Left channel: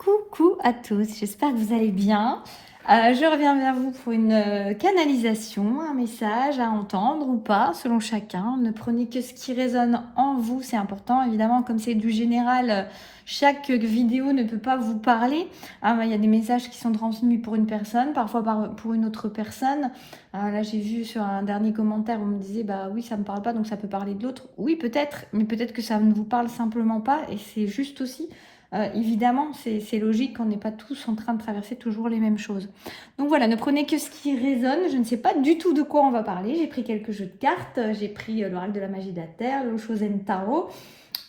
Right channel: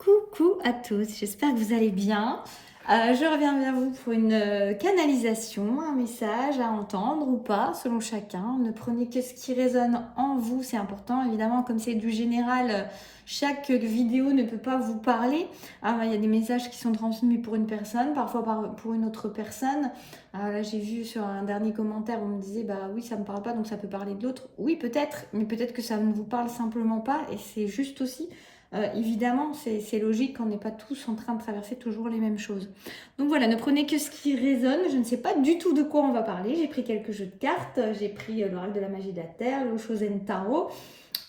Coucou à tous, j'espère que vous allez bien. Je reviens vers vous pour une canalisation, un message à entendre ou pas, selon chacun. Ne prenez que ce qui résonne en vous, c'est important. Évidemment, comme c'est du général, chaque vidéo ne peut pas vous parler. Il y a des messages qui sont transmis pour une personne, parfois pour une autre personne. Là, j'ai vu sur un dernier commentaire, on me disait, bah oui, ça ne me parle pas, donc ça peut parler de l'autre. Oui, peut-être, mais peut-être que ça ne vous parle simplement pas, et c'est juste aussi. Évidemment, c'est logique qu'on n'est pas tous en train de traverser toujours les mêmes choses. Donc voilà, ne prenez que ce qui résonne. Je ne sais pas du tout de quoi on va parler. J'ai pris quelques jeux de cartes. J'ai pris l'oracle de la magie de la terre, le Shosen Tarot,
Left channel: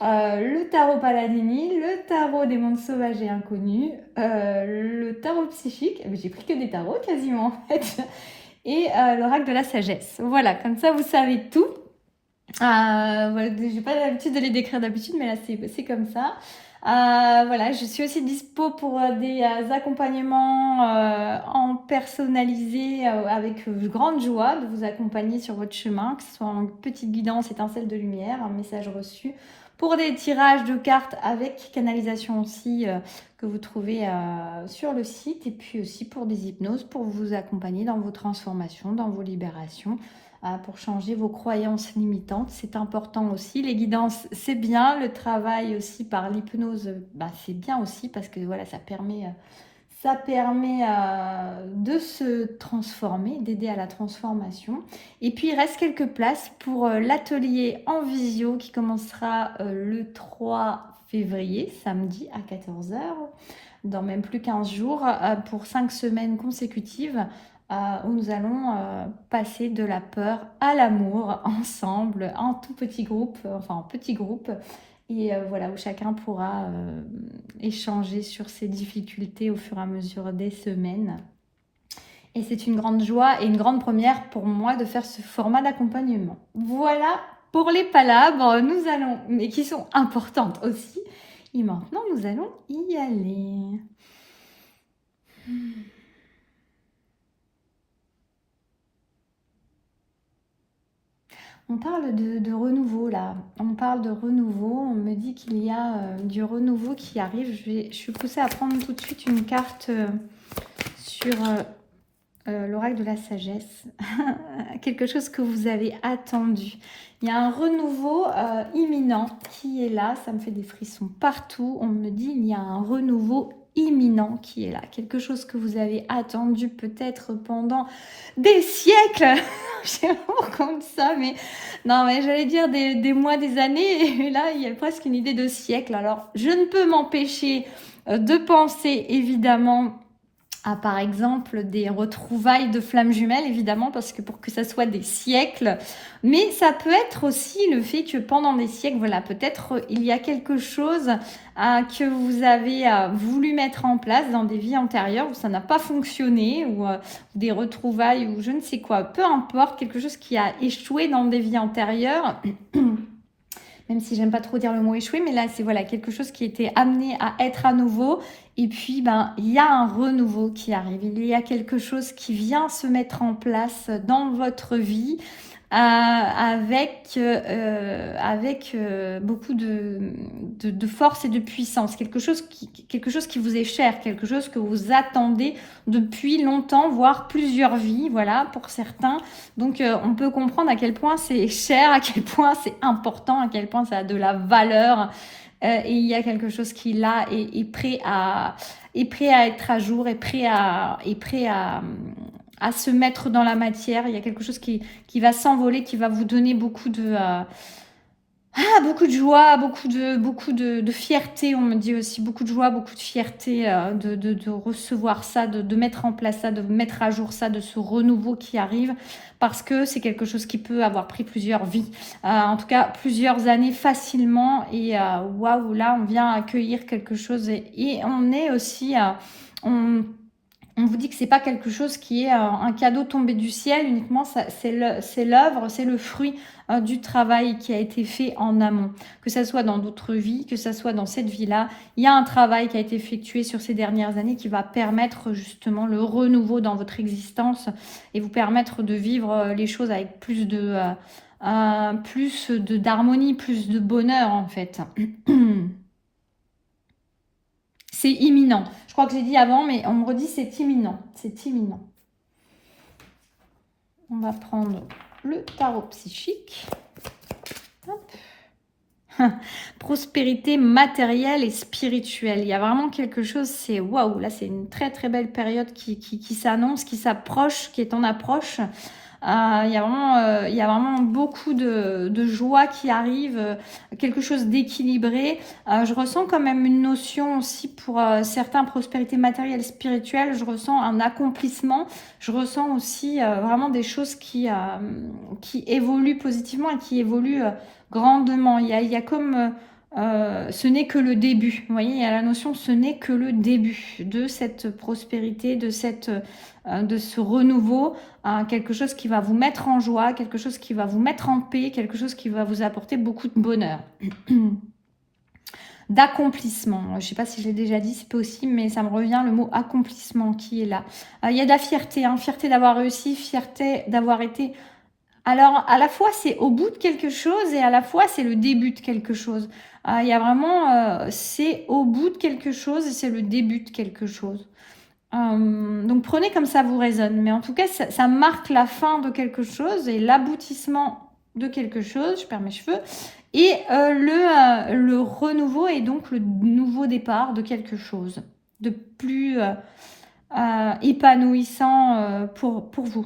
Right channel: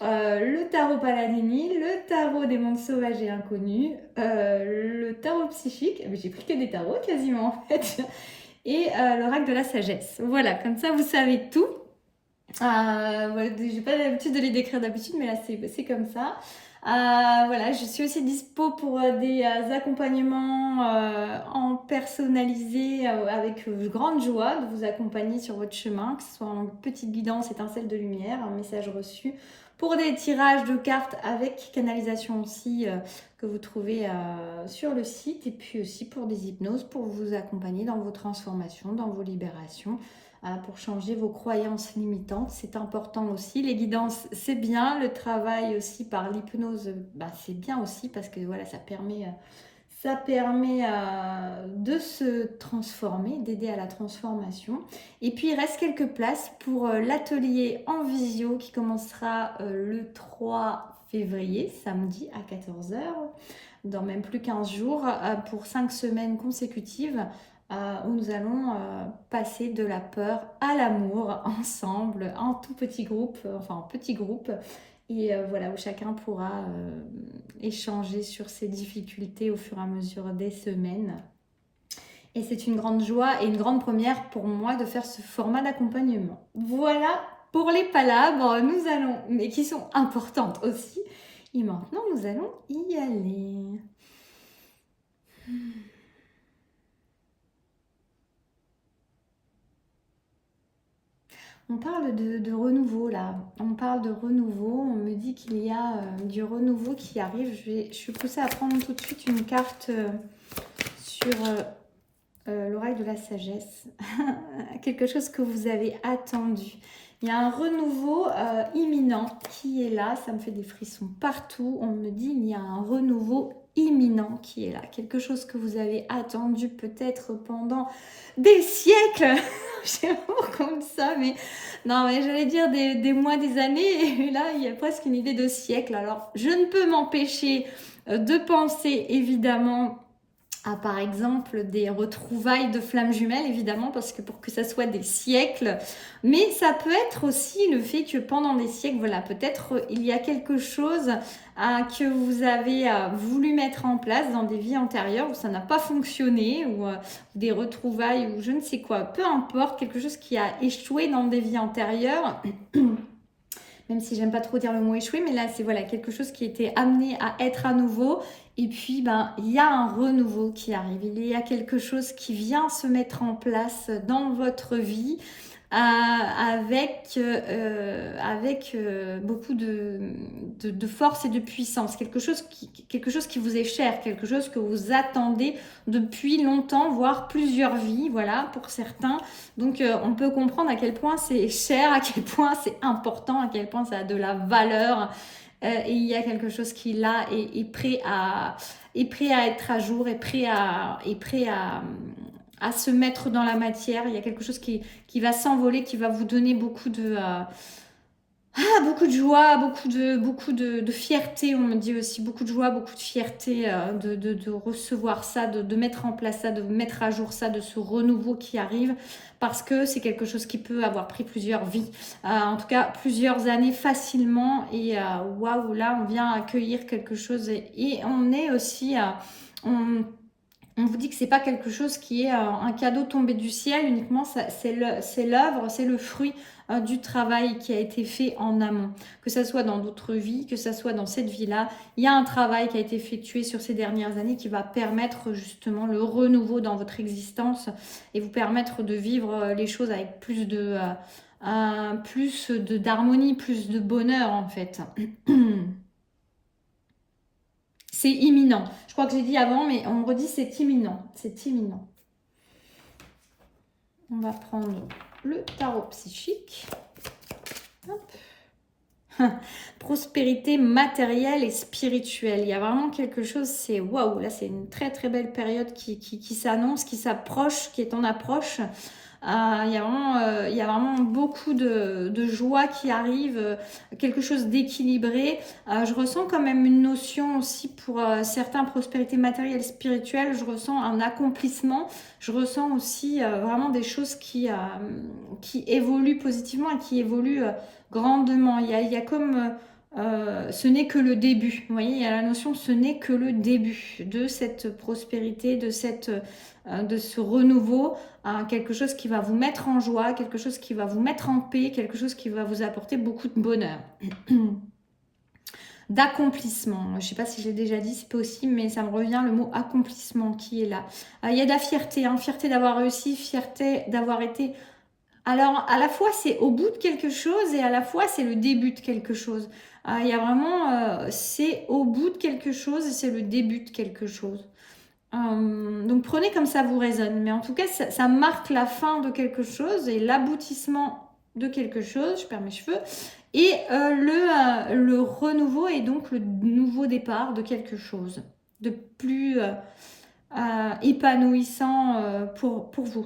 le tarot Paladini, le tarot des mondes sauvages et inconnus, le tarot psychique. J'ai pris que des tarots quasiment en fait. Et l'oracle de la sagesse. Voilà, comme ça vous savez tout. Voilà, j'ai pas l'habitude de les décrire d'habitude, mais là c'est comme ça. Voilà, je suis aussi dispo pour des accompagnements en personnalisé avec grande joie de vous accompagner sur votre chemin, que ce soit en petite guidance, étincelle de lumière, un message reçu, pour des tirages de cartes avec canalisation aussi que vous trouvez sur le site, et puis aussi pour des hypnoses pour vous accompagner dans vos transformations, dans vos libérations, pour changer vos croyances limitantes. C'est important aussi. Les guidances, c'est bien. Le travail aussi par l'hypnose, c'est bien aussi parce que voilà, ça permet de se transformer, d'aider à la transformation. Et puis, il reste quelques places pour l'atelier en visio qui commencera le 3 février, samedi à 14 heures, dans même plus 15 jours, pour 5 semaines consécutives, où nous allons passer de la peur à l'amour ensemble, en tout petit groupe, enfin en petit groupe, et voilà, où chacun pourra échanger sur ses difficultés au fur et à mesure des semaines. Et c'est une grande joie et une grande première pour moi de faire ce format d'accompagnement. Voilà pour les palabres, nous allons, mais qui sont importantes aussi. Et maintenant, nous allons y aller. On parle de renouveau là, on parle de renouveau, on me dit qu'il y a du renouveau qui arrive. Je suis poussée à prendre tout de suite une carte sur l'oracle de la sagesse, quelque chose que vous avez attendu. Il y a un renouveau imminent qui est là, ça me fait des frissons partout. On me dit il y a un renouveau imminent qui est là, quelque chose que vous avez attendu peut-être pendant des siècles. J'ai vraiment comme ça, mais non, mais j'allais dire des mois, des années, et là il y a presque une idée de siècle. Alors je ne peux m'empêcher de penser évidemment par exemple des retrouvailles de flammes jumelles, évidemment, parce que pour que ça soit des siècles, mais ça peut être aussi le fait que pendant des siècles, voilà, peut-être il y a quelque chose que vous avez voulu mettre en place dans des vies antérieures où ça n'a pas fonctionné, ou des retrouvailles, ou je ne sais quoi, peu importe, quelque chose qui a échoué dans des vies antérieures. Même si j'aime pas trop dire le mot échoué, mais là c'est voilà quelque chose qui était amené à être à nouveau, et puis il y a un renouveau qui arrive, il y a quelque chose qui vient se mettre en place dans votre vie avec beaucoup de force et de puissance, quelque chose qui vous est cher, quelque chose que vous attendez depuis longtemps, voire plusieurs vies, voilà, pour certains. Donc on peut comprendre à quel point c'est cher, à quel point c'est important, à quel point ça a de la valeur. Et il y a quelque chose qui là est prêt à être à jour, est prêt à se mettre dans la matière. Il y a quelque chose qui va s'envoler, qui va vous donner beaucoup de joie, beaucoup de fierté. On me dit aussi beaucoup de joie, beaucoup de fierté de recevoir ça, de mettre en place ça, de mettre à jour ça, de ce renouveau qui arrive, parce que c'est quelque chose qui peut avoir pris plusieurs vies, en tout cas plusieurs années facilement. Et waouh, là on vient accueillir quelque chose, et on est aussi... on vous dit que c'est pas quelque chose qui est un cadeau tombé du ciel uniquement, c'est l'œuvre, c'est le fruit du travail qui a été fait en amont. Que ça soit dans d'autres vies, que ça soit dans cette vie-là, il y a un travail qui a été effectué sur ces dernières années qui va permettre justement le renouveau dans votre existence et vous permettre de vivre les choses avec plus d'harmonie, plus de bonheur en fait. c'est imminent. Je crois que j'ai dit avant, mais on me redit c'est imminent. C'est imminent. On va prendre le tarot psychique. Hop. Prospérité matérielle et spirituelle. Il y a vraiment quelque chose, c'est waouh, là c'est une très très belle période qui s'annonce, qui s'approche, qui est en approche. Il y a vraiment beaucoup de joie qui arrive, quelque chose d'équilibré. Je ressens quand même une notion aussi pour certains, prospérité matérielle, spirituelle. Je ressens un accomplissement. Je ressens aussi vraiment des choses qui évoluent positivement et qui évoluent grandement. Il y a comme... ce n'est que le début. Vous voyez, il y a la notion ce n'est que le début de cette prospérité, de ce renouveau, quelque chose qui va vous mettre en joie, quelque chose qui va vous mettre en paix, quelque chose qui va vous apporter beaucoup de bonheur. D'accomplissement. Je ne sais pas si j'ai déjà dit, c'est possible, mais ça me revient le mot accomplissement qui est là. Il y a de la fierté, fierté d'avoir réussi, fierté d'avoir été... Alors, à la fois, c'est au bout de quelque chose et à la fois, c'est le début de quelque chose. Il y a vraiment... c'est au bout de quelque chose et c'est le début de quelque chose. Donc, prenez comme ça vous résonne. Mais en tout cas, ça marque la fin de quelque chose et l'aboutissement de quelque chose. Je perds mes cheveux. Et le renouveau et donc le nouveau départ de quelque chose de plus épanouissant pour vous.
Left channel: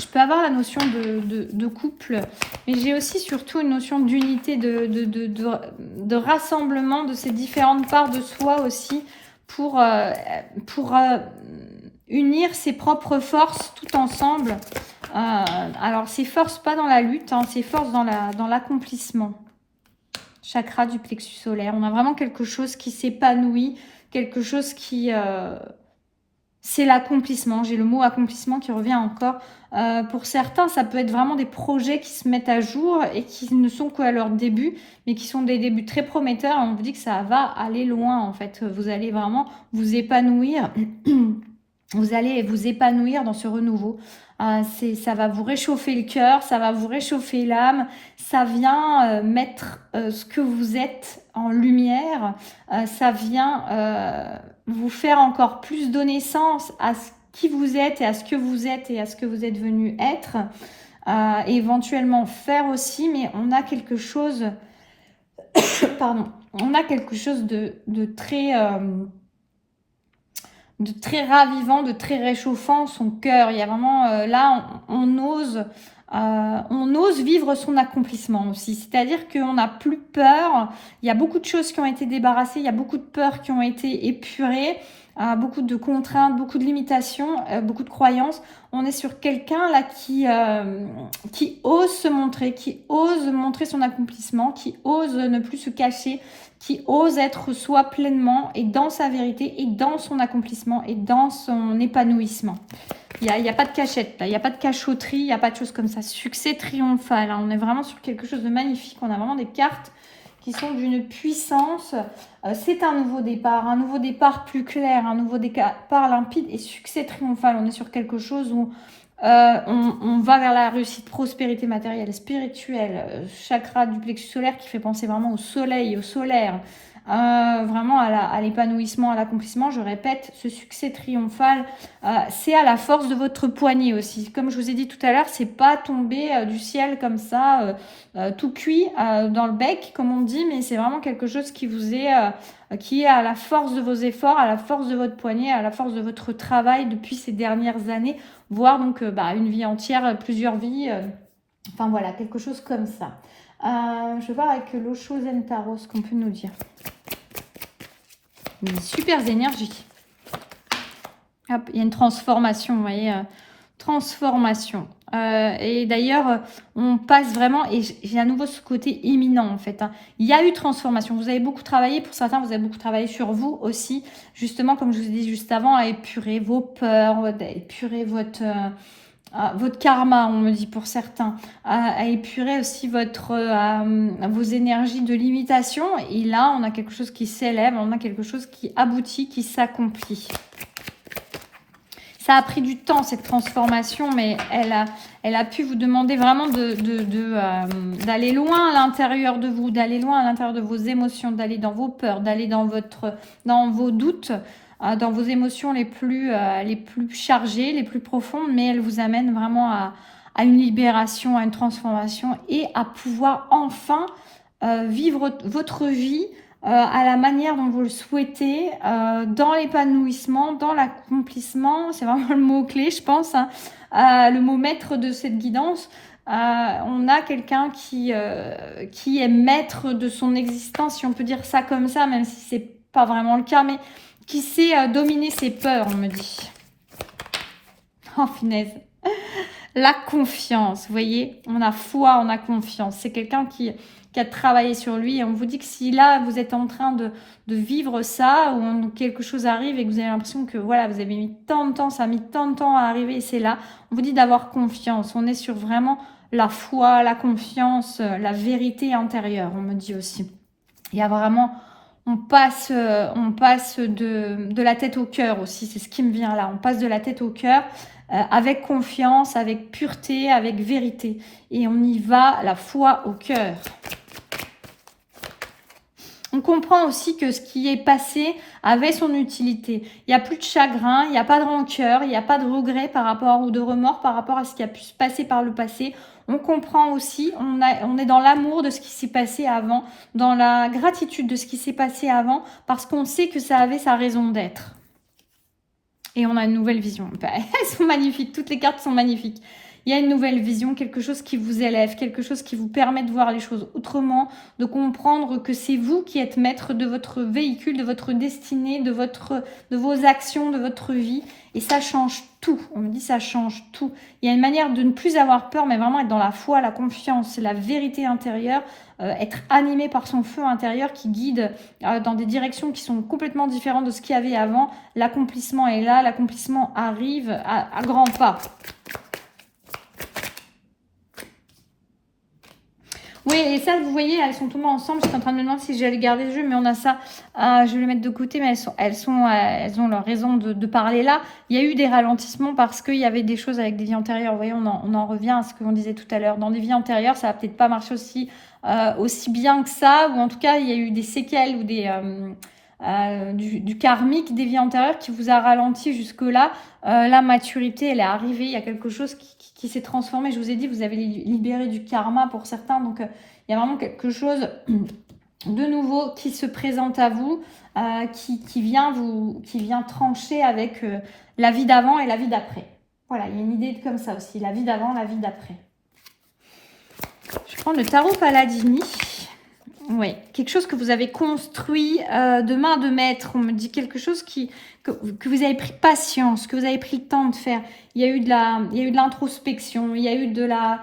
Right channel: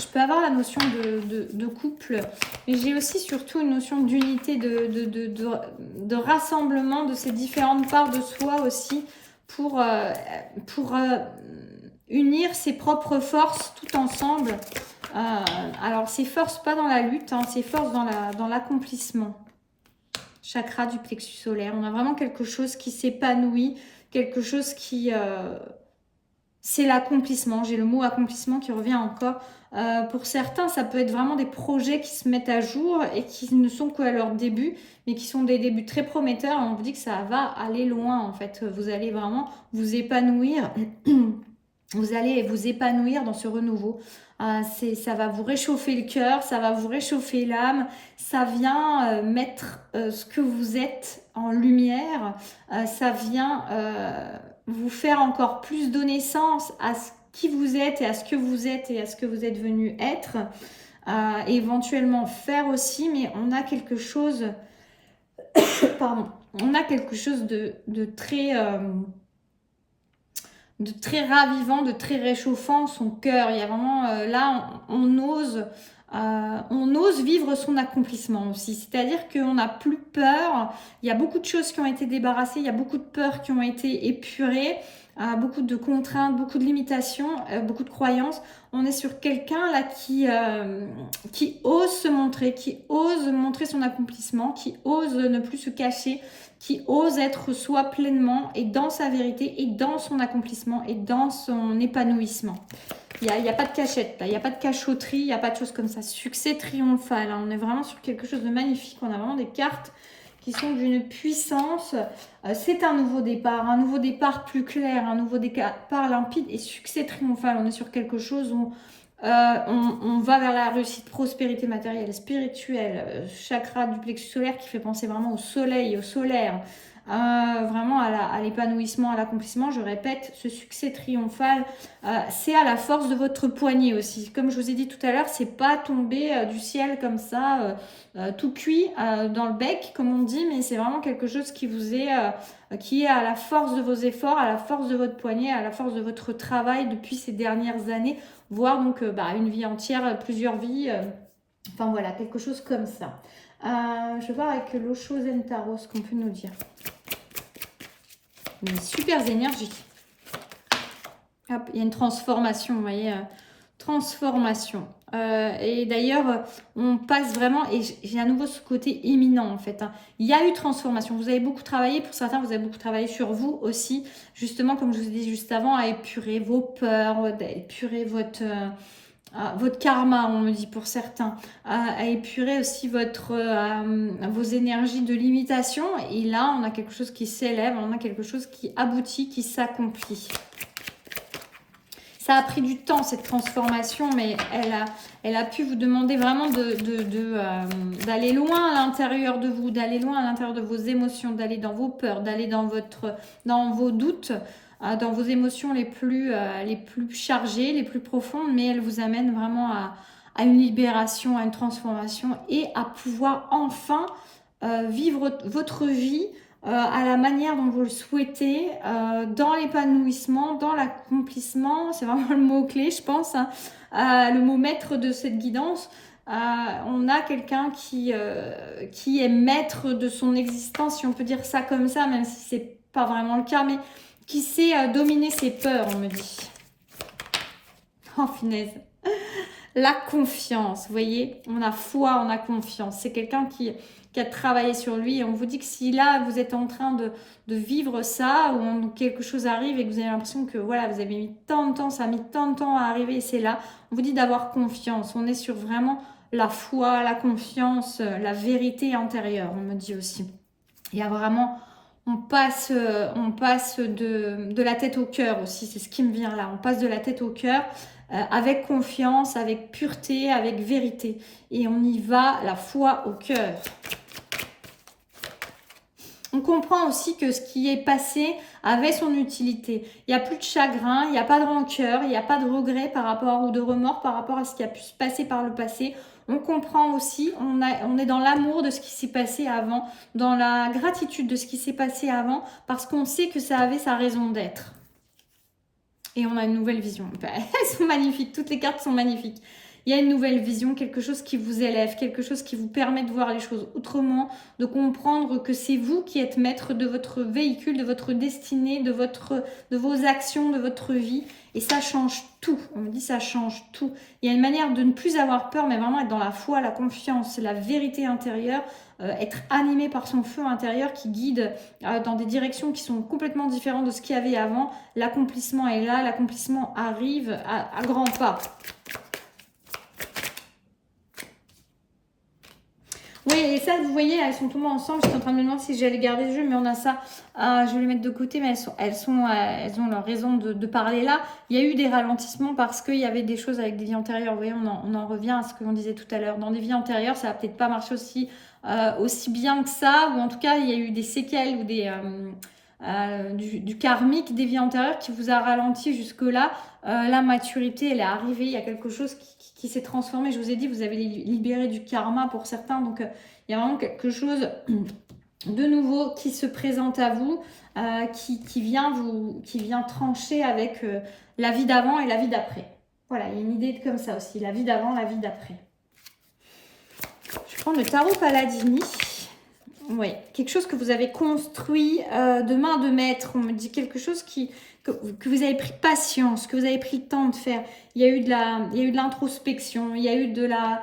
Je peux avoir la notion de couple, mais j'ai aussi surtout une notion d'unité, de rassemblement de ces différentes parts de soi aussi pour unir ses propres forces tout ensemble. Alors, ces forces pas dans la lutte, ces forces dans l'accomplissement. Chakra du plexus solaire. On a vraiment quelque chose qui s'épanouit, quelque chose qui... c'est l'accomplissement. J'ai le mot accomplissement qui revient encore. Pour certains, ça peut être vraiment des projets qui se mettent à jour et qui ne sont qu'à leur début, mais qui sont des débuts très prometteurs. Et on vous dit que ça va aller loin, en fait. Vous allez vraiment vous épanouir. Vous allez vous épanouir dans ce renouveau. Ça va vous réchauffer le cœur, ça va vous réchauffer l'âme. Ça vient mettre ce que vous êtes en lumière. Ça vient... vous faire encore plus donner sens à ce qui vous êtes et à ce que vous êtes et à ce que vous êtes venu être, et éventuellement faire aussi, mais on a quelque chose pardon, on a quelque chose de très ravivant, de très réchauffant son cœur. Il y a vraiment là on ose vivre son accomplissement aussi. C'est-à-dire qu'on n'a plus peur. Il y a beaucoup de choses qui ont été débarrassées. Il y a beaucoup de peurs qui ont été épurées. Beaucoup de contraintes, beaucoup de limitations, beaucoup de croyances. On est sur quelqu'un là qui ose se montrer, qui ose montrer son accomplissement, qui ose ne plus se cacher, qui ose être soi pleinement et dans sa vérité et dans son accomplissement et dans son épanouissement. Il n'y a pas de cachette, là. Il n'y a pas de cachotterie, il n'y a pas de choses comme ça. Succès triomphal, on est vraiment sur quelque chose de magnifique. On a vraiment des cartes qui sont d'une puissance. C'est un nouveau départ plus clair, un nouveau départ limpide et succès triomphal. On est sur quelque chose où on va vers la réussite, prospérité matérielle et spirituelle. Chakra du plexus solaire qui fait penser vraiment au soleil, au solaire. Vraiment à l'épanouissement, à l'accomplissement. Je répète, ce succès triomphal, c'est à la force de votre poignet aussi. Comme je vous ai dit tout à l'heure, c'est pas tombé du ciel comme ça, tout cuit dans le bec, comme on dit, mais c'est vraiment quelque chose qui vous est, qui est à la force de vos efforts, à la force de votre poignet, à la force de votre travail depuis ces dernières années, voire donc une vie entière, plusieurs vies. Enfin voilà, quelque chose comme ça. Je vais voir avec l'Osho Zen Tarot ce qu'on peut nous dire. Des super énergies. Hop, il y a une transformation, vous voyez, transformation. Et d'ailleurs, on passe vraiment, et j'ai à nouveau ce côté imminent en fait. Il y a eu transformation. Vous avez beaucoup travaillé, pour certains, vous avez beaucoup travaillé sur vous aussi, justement, comme je vous ai dit juste avant, à épurer vos peurs, à épurer votre karma, on me dit pour certains, à épurer aussi vos énergies de limitation. Et là, on a quelque chose qui s'élève, on a quelque chose qui aboutit, qui s'accomplit. ça a pris du temps cette transformation, mais elle a pu vous demander vraiment d'aller loin à l'intérieur de vous, d'aller loin à l'intérieur de vos émotions, d'aller dans vos peurs, d'aller dans vos doutes, dans vos émotions les plus chargées, les plus profondes, mais elle vous amène vraiment à une libération, à une transformation et à pouvoir enfin vivre votre vie à la manière dont vous le souhaitez, dans l'épanouissement, dans l'accomplissement, c'est vraiment le mot-clé, je pense, hein, le mot maître de cette guidance. On a quelqu'un qui est maître de son existence, si on peut dire ça comme ça, même si c'est pas vraiment le cas, mais qui sait dominer ses peurs, on me dit. Oh, finesse. La confiance, vous voyez, on a foi, on a confiance. C'est quelqu'un qui a travaillé sur lui et on vous dit que si là vous êtes en train de vivre ça ou quelque chose arrive et que vous avez l'impression que voilà, vous avez mis tant de temps, ça a mis tant de temps à arriver et c'est là, on vous dit d'avoir confiance. On est sur vraiment la foi, la confiance, la vérité intérieure, on me dit aussi. Il y a vraiment, on passe de la tête au cœur aussi, c'est ce qui me vient là. On passe de la tête au cœur avec confiance, avec pureté, avec vérité. Et on y va, la foi au cœur. On comprend aussi que ce qui est passé avait son utilité. Il n'y a plus de chagrin, il n'y a pas de rancœur, il n'y a pas de regret par rapport ou de remords par rapport à ce qui a pu se passer par le passé. On comprend aussi, on est dans l'amour de ce qui s'est passé avant, dans la gratitude de ce qui s'est passé avant, parce qu'on sait que ça avait sa raison d'être. Et on a une nouvelle vision. Elles sont magnifiques, toutes les cartes sont magnifiques. Il y a une nouvelle vision, quelque chose qui vous élève, quelque chose qui vous permet de voir les choses autrement, de comprendre que c'est vous qui êtes maître de votre véhicule, de votre destinée, de vos actions, de votre vie. Et ça change tout. On me dit ça change tout. Il y a une manière de ne plus avoir peur, mais vraiment être dans la foi, la confiance, la vérité intérieure, être animé par son feu intérieur qui guide dans des directions qui sont complètement différentes de ce qu'il y avait avant. L'accomplissement est là, l'accomplissement arrive à grands pas. Oui, et ça, vous voyez, elles sont tombées ensemble. J'étais en train de me demander si j'allais garder le jeu, mais on a ça. Je vais les mettre de côté, mais elles ont leur raison de parler là. Il y a eu des ralentissements parce qu'il y avait des choses avec des vies antérieures. Vous voyez, on en revient à ce que l'on disait tout à l'heure. Dans des vies antérieures, ça va peut-être pas marcher aussi bien que ça, ou en tout cas, il y a eu des séquelles ou du karmique des vies antérieures qui vous a ralenti jusque-là. La maturité, elle est arrivée, il y a quelque chose qui s'est transformé. Je vous ai dit, vous avez libéré du karma pour certains, donc il y a vraiment quelque chose de nouveau qui se présente à vous, qui vient trancher avec la vie d'avant et la vie d'après. Voilà, il y a une idée comme ça aussi, la vie d'avant, la vie d'après. Je prends le tarot Paladini. Oui, quelque chose que vous avez construit de main de maître. On me dit quelque chose que vous avez pris patience, que vous avez pris le temps de faire. Il y a eu de l'introspection, il y a eu de la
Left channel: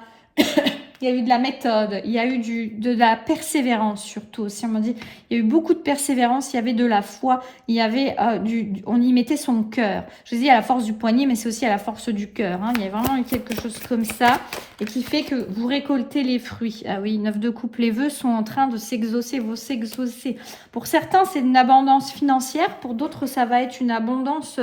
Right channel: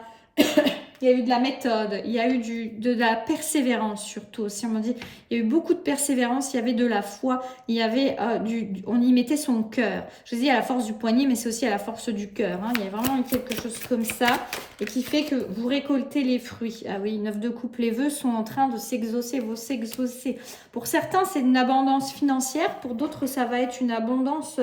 il y a eu de la méthode, il y a eu de la persévérance surtout aussi. On m'a dit, il y a eu beaucoup de persévérance, il y avait de la foi, il y avait on y mettait son cœur. Je vous dis à la force du poignet, mais c'est aussi à la force du cœur. Hein. Il y a vraiment eu quelque chose comme ça et qui fait que vous récoltez les fruits. Ah oui, 9 de coupe, les vœux sont en train de s'exaucer, vont s'exaucer. Pour certains, c'est une abondance financière, pour d'autres, ça va être une abondance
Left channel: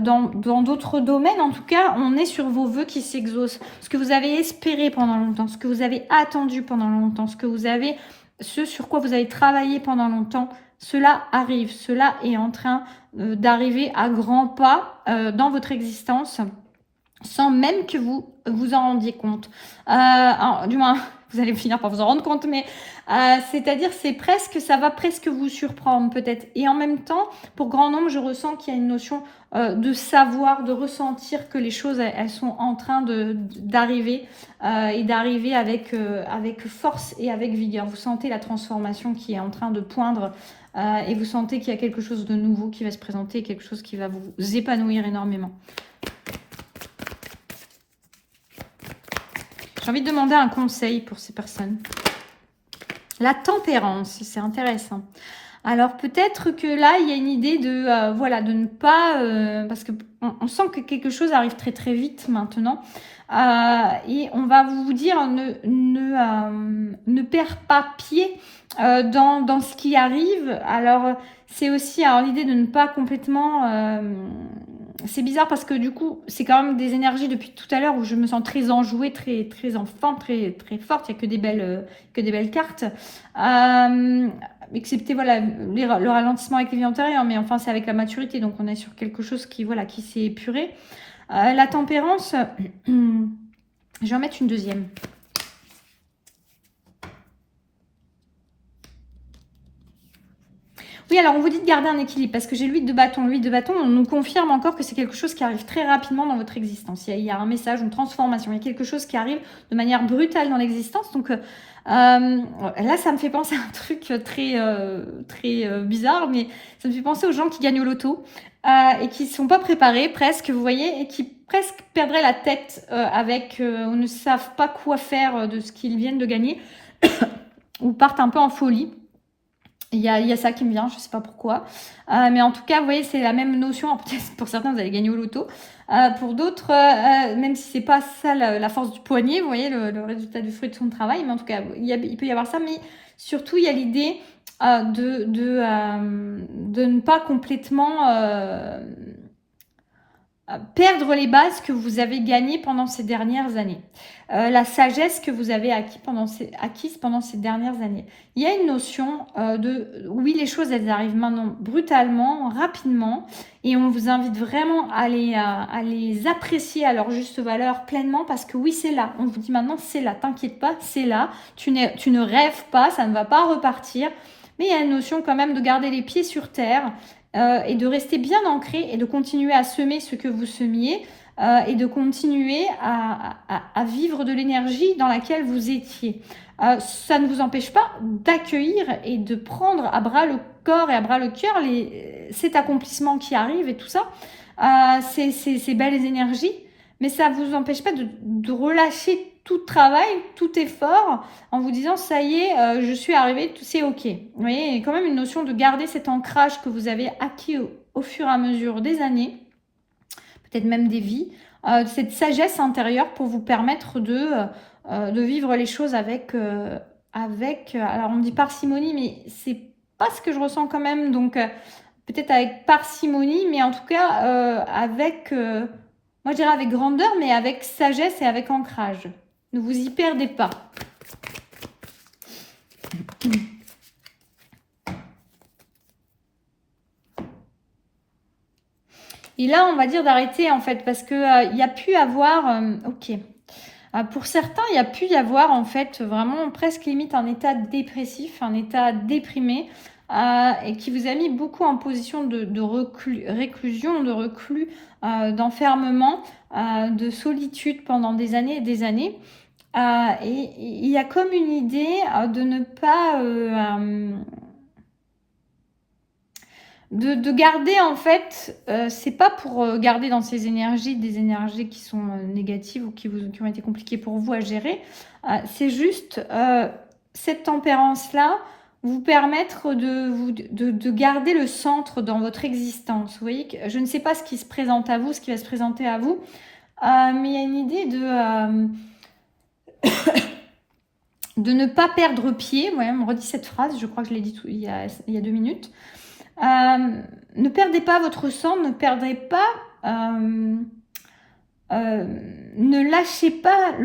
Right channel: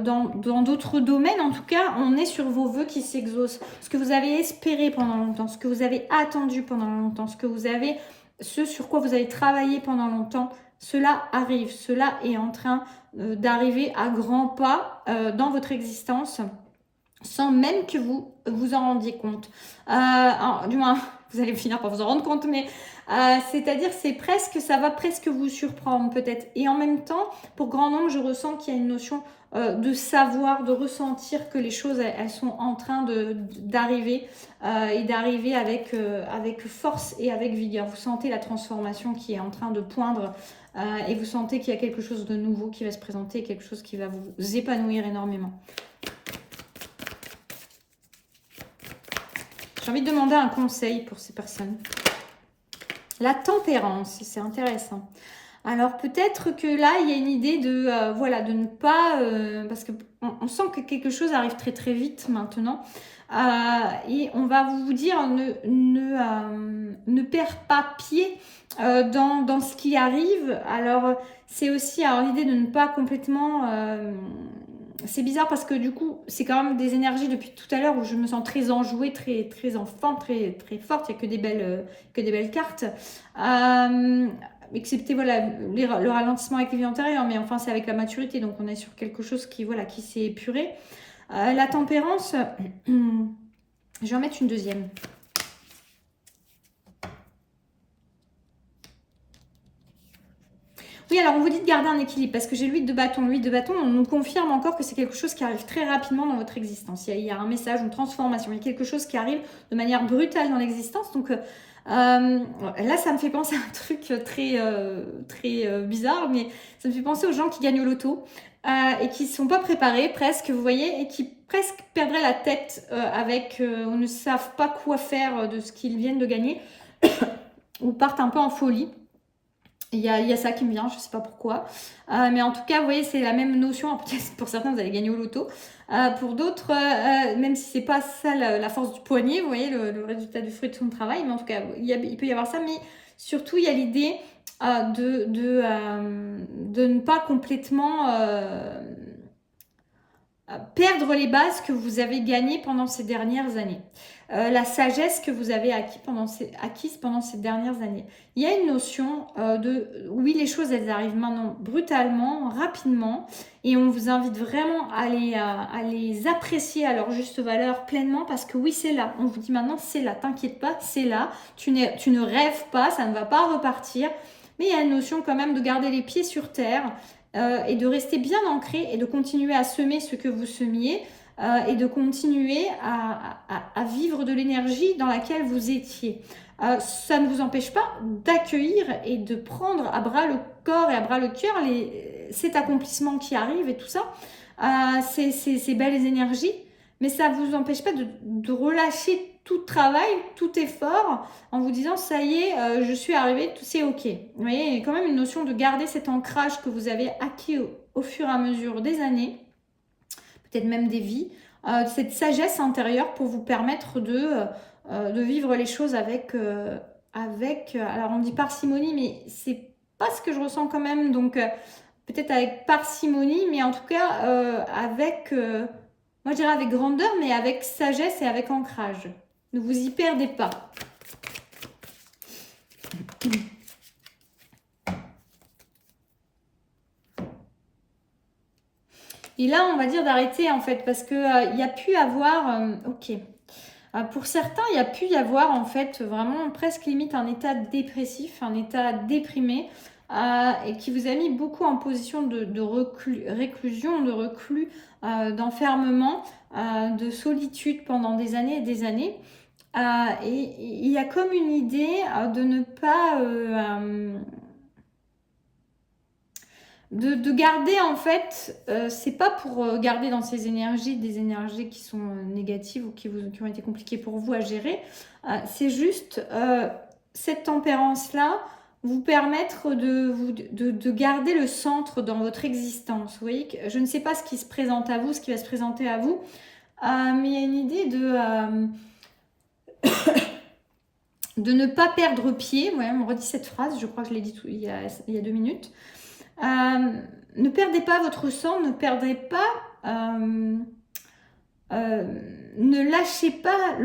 dans d'autres domaines. En tout cas, on est sur vos vœux qui s'exaucent. Ce que vous avez espéré pendant longtemps, ce que vous avez attendu pendant longtemps, ce sur quoi vous avez travaillé pendant longtemps, cela arrive. Cela est en train d'arriver à grands pas dans votre existence sans même que vous vous en rendiez compte. Du moins, vous allez finir par vous en rendre compte, mais c'est-à-dire ça va presque vous surprendre peut-être. Et en même temps, pour grand nombre, je ressens qu'il y a une notion de savoir, de ressentir que les choses, elles sont en train d'arriver et d'arriver avec force et avec vigueur. Vous sentez la transformation qui est en train de poindre et vous sentez qu'il y a quelque chose de nouveau qui va se présenter, quelque chose qui va vous épanouir énormément. J'ai envie de demander un conseil pour ces personnes. La tempérance, c'est intéressant. Alors peut-être que là, il y a une idée de ne pas... parce qu'on sent que quelque chose arrive très très vite maintenant. Et on va vous dire, ne perds pas pied dans ce qui arrive. Alors c'est aussi l'idée de ne pas complètement... c'est bizarre parce que du coup, c'est quand même des énergies depuis tout à l'heure où je me sens très enjouée, très enfant, très forte. Il n'y a que des belles cartes. Excepté voilà, le ralentissement avec les vies antérieures, mais enfin, c'est avec la maturité. Donc, on est sur quelque chose qui s'est épuré. La tempérance, je vais en mettre une deuxième. Oui, alors on vous dit de garder un équilibre parce que j'ai l'huile de bâton. L'huile de bâton, on nous confirme encore que c'est quelque chose qui arrive très rapidement dans votre existence. Il y a un message, une transformation, il y a quelque chose qui arrive de manière brutale dans l'existence. Donc là, ça me fait penser à un truc très bizarre, mais ça me fait penser aux gens qui gagnent au loto et qui ne sont pas préparés presque, vous voyez, et qui presque perdraient la tête ou ne savent pas quoi faire de ce qu'ils viennent de gagner ou partent un peu en folie. Il y a ça qui me vient, je ne sais pas pourquoi. Mais en tout cas, vous voyez, c'est la même notion. Peut-être pour certains, vous allez gagner au loto. Pour d'autres, même si c'est pas ça la force du poignet, vous voyez, le résultat du fruit de son travail. Mais en tout cas, il peut y avoir ça. Mais surtout, il y a l'idée de ne pas complètement perdre les bases que vous avez gagnées pendant ces dernières années. La sagesse que vous avez acquise pendant ces dernières années. Il y a une notion oui, les choses, elles arrivent maintenant brutalement, rapidement, et on vous invite vraiment à les apprécier à leur juste valeur pleinement, parce que oui, c'est là. On vous dit maintenant, c'est là, t'inquiète pas, c'est là. Tu ne rêves pas, ça ne va pas repartir. Mais il y a une notion quand même de garder les pieds sur terre et de rester bien ancré et de continuer à semer ce que vous semiez. Et de continuer à vivre de l'énergie dans laquelle vous étiez. Ça ne vous empêche pas d'accueillir et de prendre à bras le corps et à bras le cœur cet accomplissement qui arrive et tout ça, ces belles énergies, mais ça ne vous empêche pas de relâcher tout travail, tout effort, en vous disant ça y est, je suis arrivée, c'est ok. Vous voyez, il y a quand même une notion de garder cet ancrage que vous avez acquis au fur et à mesure des années, peut-être même des vies, cette sagesse intérieure pour vous permettre de vivre les choses avec, alors on dit parcimonie, mais c'est pas ce que je ressens quand même, donc peut-être avec parcimonie, mais en tout cas moi je dirais avec grandeur, mais avec sagesse et avec ancrage. Ne vous y perdez pas. Et là, on va dire d'arrêter en fait, parce que il y a pu avoir, ok. Pour certains, il y a pu y avoir en fait vraiment presque limite un état dépressif, un état déprimé, et qui vous a mis beaucoup en position de réclusion, de reclus, d'enfermement, de solitude pendant des années et des années. Et il y a comme une idée de ne pas... de garder en fait, c'est pas pour garder dans ces énergies des énergies qui sont négatives ou qui ont été compliquées pour vous à gérer, c'est juste cette tempérance-là vous permettre de garder le centre dans votre existence. Vous voyez que je ne sais pas ce qui se présente à vous, ce qui va se présenter à vous, mais il y a une idée de ne pas perdre pied. Ouais, on me redit cette phrase, je crois que je l'ai dit il y a 2 minutes. Ne perdez pas votre sang, ne perdez pas, ne lâchez pas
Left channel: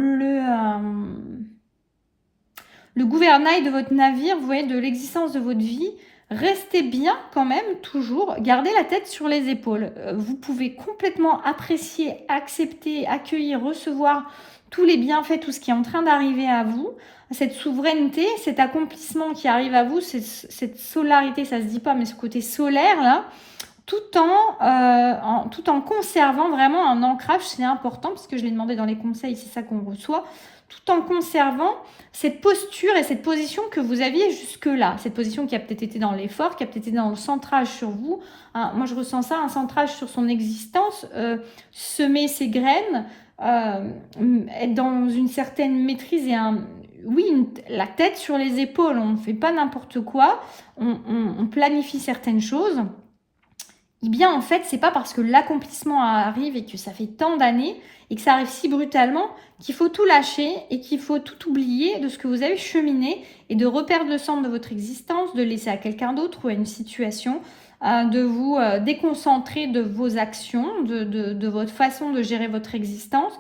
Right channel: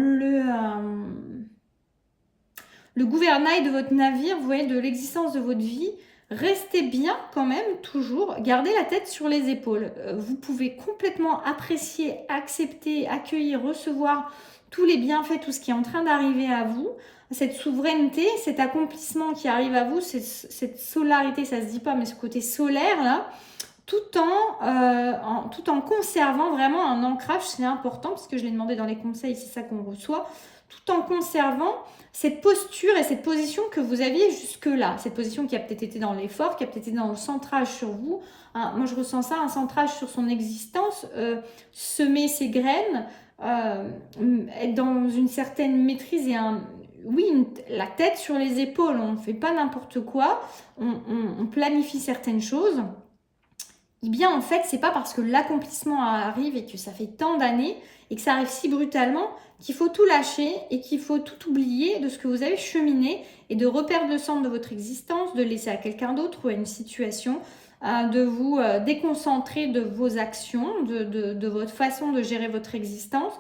le gouvernail de votre navire, vous voyez, de l'existence de votre vie. Restez bien quand même, toujours, gardez la tête sur les épaules. Vous pouvez complètement apprécier, accepter, accueillir, recevoir tous les bienfaits, tout ce qui est en train d'arriver à vous. Cette souveraineté, cet accomplissement qui arrive à vous, cette solarité, ça se dit pas, mais ce côté solaire là, tout en conservant vraiment un ancrage, c'est important parce que je l'ai demandé dans les conseils, c'est ça qu'on reçoit, tout en conservant cette posture et cette position que vous aviez jusque-là, cette position qui a peut-être été dans l'effort, qui a peut-être été dans le centrage sur vous. Moi je ressens ça, un centrage sur son existence, semer ses graines, être dans une certaine maîtrise et la tête sur les épaules, on ne fait pas n'importe quoi, on planifie certaines choses. Eh bien, en fait, c'est pas parce que l'accomplissement arrive et que ça fait tant d'années et que ça arrive si brutalement qu'il faut tout lâcher et qu'il faut tout oublier de ce que vous avez cheminé et de reperdre le centre de votre existence, de laisser à quelqu'un d'autre ou à une situation. de vous déconcentrer de vos actions, de votre façon de gérer votre existence.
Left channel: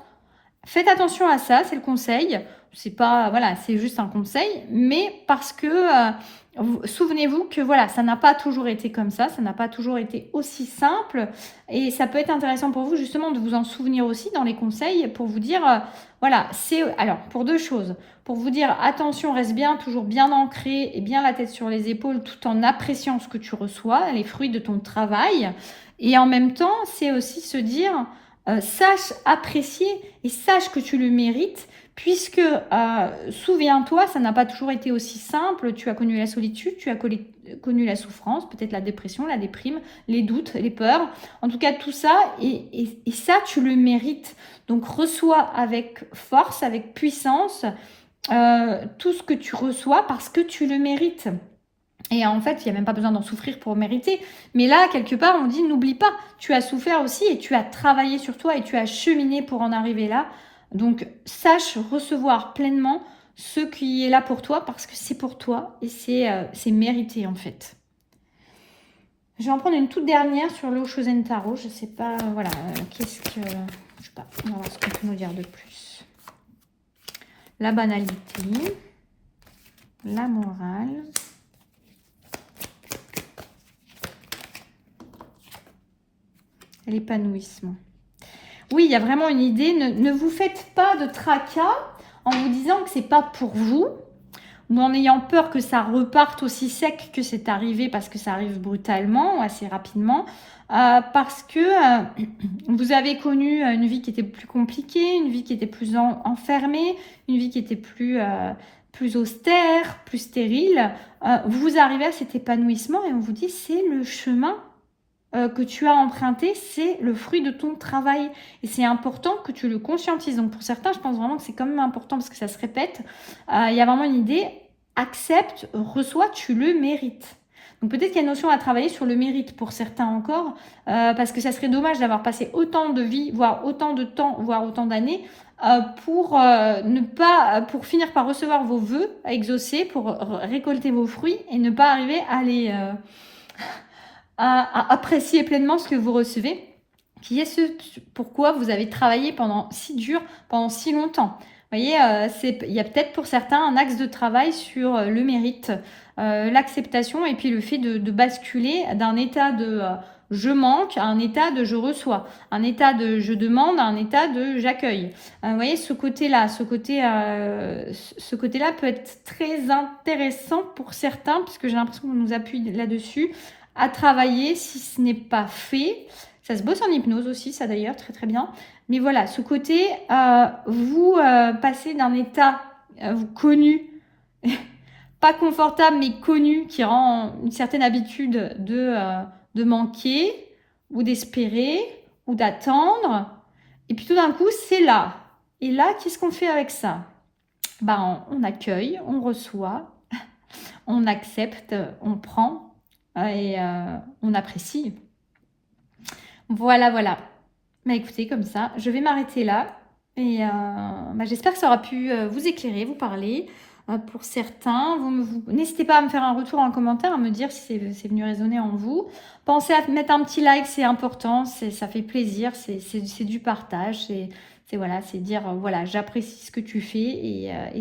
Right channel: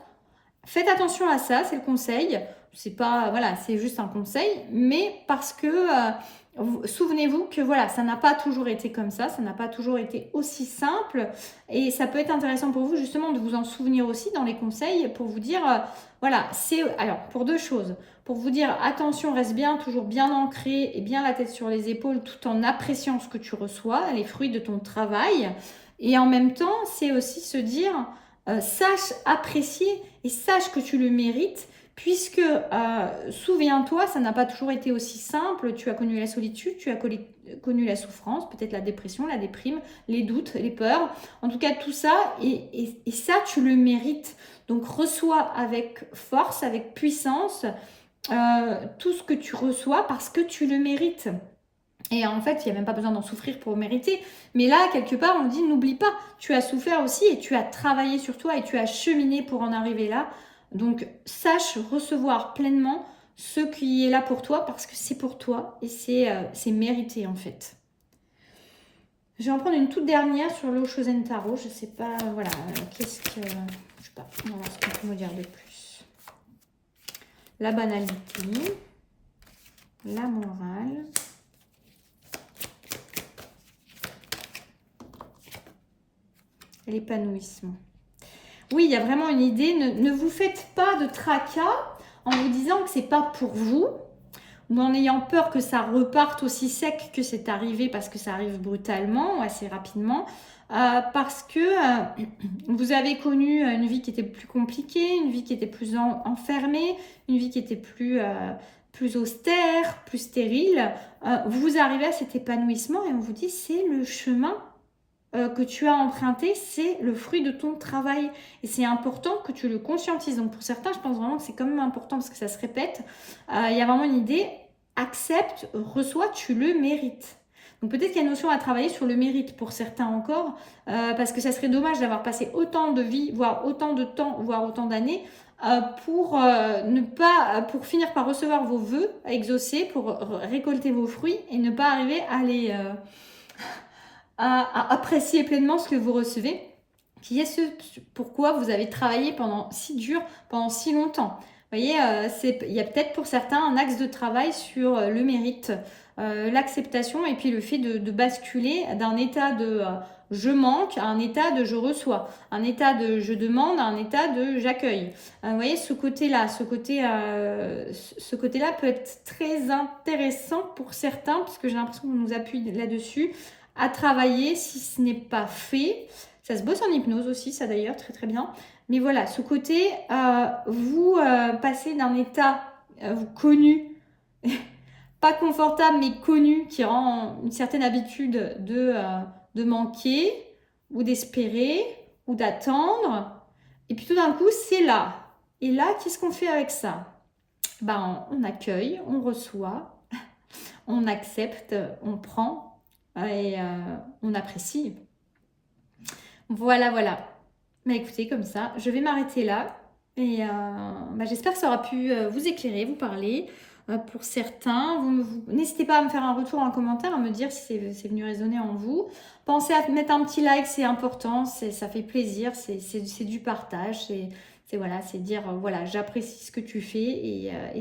Faites attention à ça, c'est le conseil. C'est pas, voilà, c'est juste un conseil, mais parce que souvenez-vous que voilà, ça n'a pas toujours été comme ça n'a pas toujours été aussi simple, et ça peut être intéressant pour vous justement de vous en souvenir aussi dans les conseils pour vous dire, voilà, c'est alors pour deux choses, pour vous dire attention, reste bien, toujours bien ancré et bien la tête sur les épaules tout en appréciant ce que tu reçois, les fruits de ton travail, et en même temps, c'est aussi se dire sache apprécier et sache que tu le mérites, puisque souviens-toi, ça n'a pas toujours été aussi simple. Tu as connu la solitude, tu as connu la souffrance, peut-être la dépression, la déprime, les doutes, les peurs. En tout cas, tout ça, et ça, tu le mérites. Donc, reçois avec force, avec puissance, tout ce que tu reçois parce que tu le mérites. Et en fait, il n'y a même pas besoin d'en souffrir pour mériter. Mais là, quelque part, on dit, n'oublie pas, tu as souffert aussi et tu as travaillé sur toi et tu as cheminé pour en arriver là. Donc, sache recevoir pleinement ce qui est là pour toi parce que c'est pour toi et c'est mérité en fait. Je vais en prendre une toute dernière sur l'eau Chosen Tarot. Je ne sais pas, voilà, qu'est-ce que... Je sais pas, on va voir ce qu'on peut nous dire de plus. La banalité, la morale... l'épanouissement. Oui, il y a vraiment une idée. Ne vous faites pas de tracas en vous disant que c'est pas pour vous, ou en ayant peur que ça reparte aussi sec que c'est arrivé parce que ça arrive brutalement ou assez rapidement, parce que vous avez connu une vie qui était plus compliquée, une vie qui était plus enfermée, une vie qui était plus austère, plus stérile. Vous arrivez à cet épanouissement et on vous dit c'est le chemin que tu as emprunté, c'est le fruit de ton travail. Et c'est important que tu le conscientises. Donc pour certains, je pense vraiment que c'est quand même important parce que ça se répète. Il y a vraiment une idée, accepte, reçois, tu le mérites. Donc peut-être qu'il y a une notion à travailler sur le mérite pour certains encore, parce que ça serait dommage d'avoir passé autant de vie, voire autant de temps, voire autant d'années, pour pour finir par recevoir vos vœux à exaucer, pour récolter vos fruits et ne pas arriver à les... à apprécier pleinement ce que vous recevez, qui est ce pourquoi vous avez travaillé pendant si dur, pendant si longtemps. Vous voyez, il y a peut-être pour certains un axe de travail sur le mérite, l'acceptation et puis le fait de basculer d'un état de je manque à un état de je reçois, un état de je demande à un état de j'accueille. Vous voyez, ce côté-là peut être très intéressant pour certains, puisque j'ai l'impression qu'on nous appuie là-dessus, à travailler si ce n'est pas fait. Ça se bosse en hypnose aussi, ça d'ailleurs, très très bien. Mais voilà, ce côté, vous passez d'un état connu, pas confortable mais connu, qui rend une certaine habitude de manquer ou d'espérer ou d'attendre. Et puis tout d'un coup, c'est là. Et là, qu'est-ce qu'on fait avec ça? Ben, on accueille, on reçoit, on accepte, on prend. Et on apprécie. Voilà, voilà. Mais écoutez, comme ça, je vais m'arrêter là. Et j'espère que ça aura pu vous éclairer, vous parler. Pour certains, n'hésitez pas à me faire un retour en commentaire, à me dire si c'est venu résonner en vous. Pensez à mettre un petit like, c'est important, ça fait plaisir, c'est du partage, c'est dire voilà, j'apprécie ce que tu fais et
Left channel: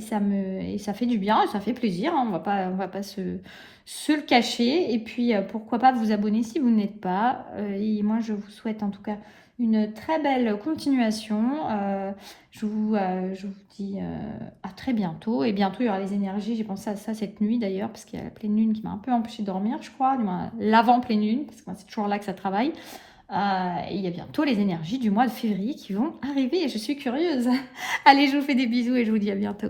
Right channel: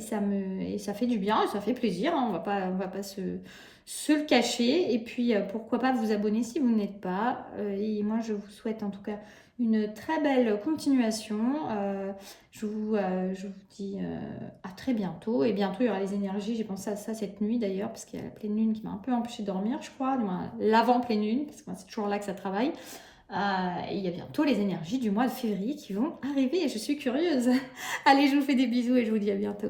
ça fait du bien, ça fait plaisir, hein, on va pas se le cacher. Et puis pourquoi pas vous abonner si vous ne l'êtes pas. Et moi je vous souhaite en tout cas une très belle continuation. Je vous dis à très bientôt. Et bientôt il y aura les énergies, j'ai pensé à ça cette nuit d'ailleurs, parce qu'il y a la pleine lune qui m'a un peu empêché de dormir, je crois, l'avant pleine lune, parce que c'est toujours là que ça travaille. Et il y a bientôt les énergies du mois de février qui vont arriver et je suis curieuse. Allez, je vous fais des bisous et je vous dis à bientôt.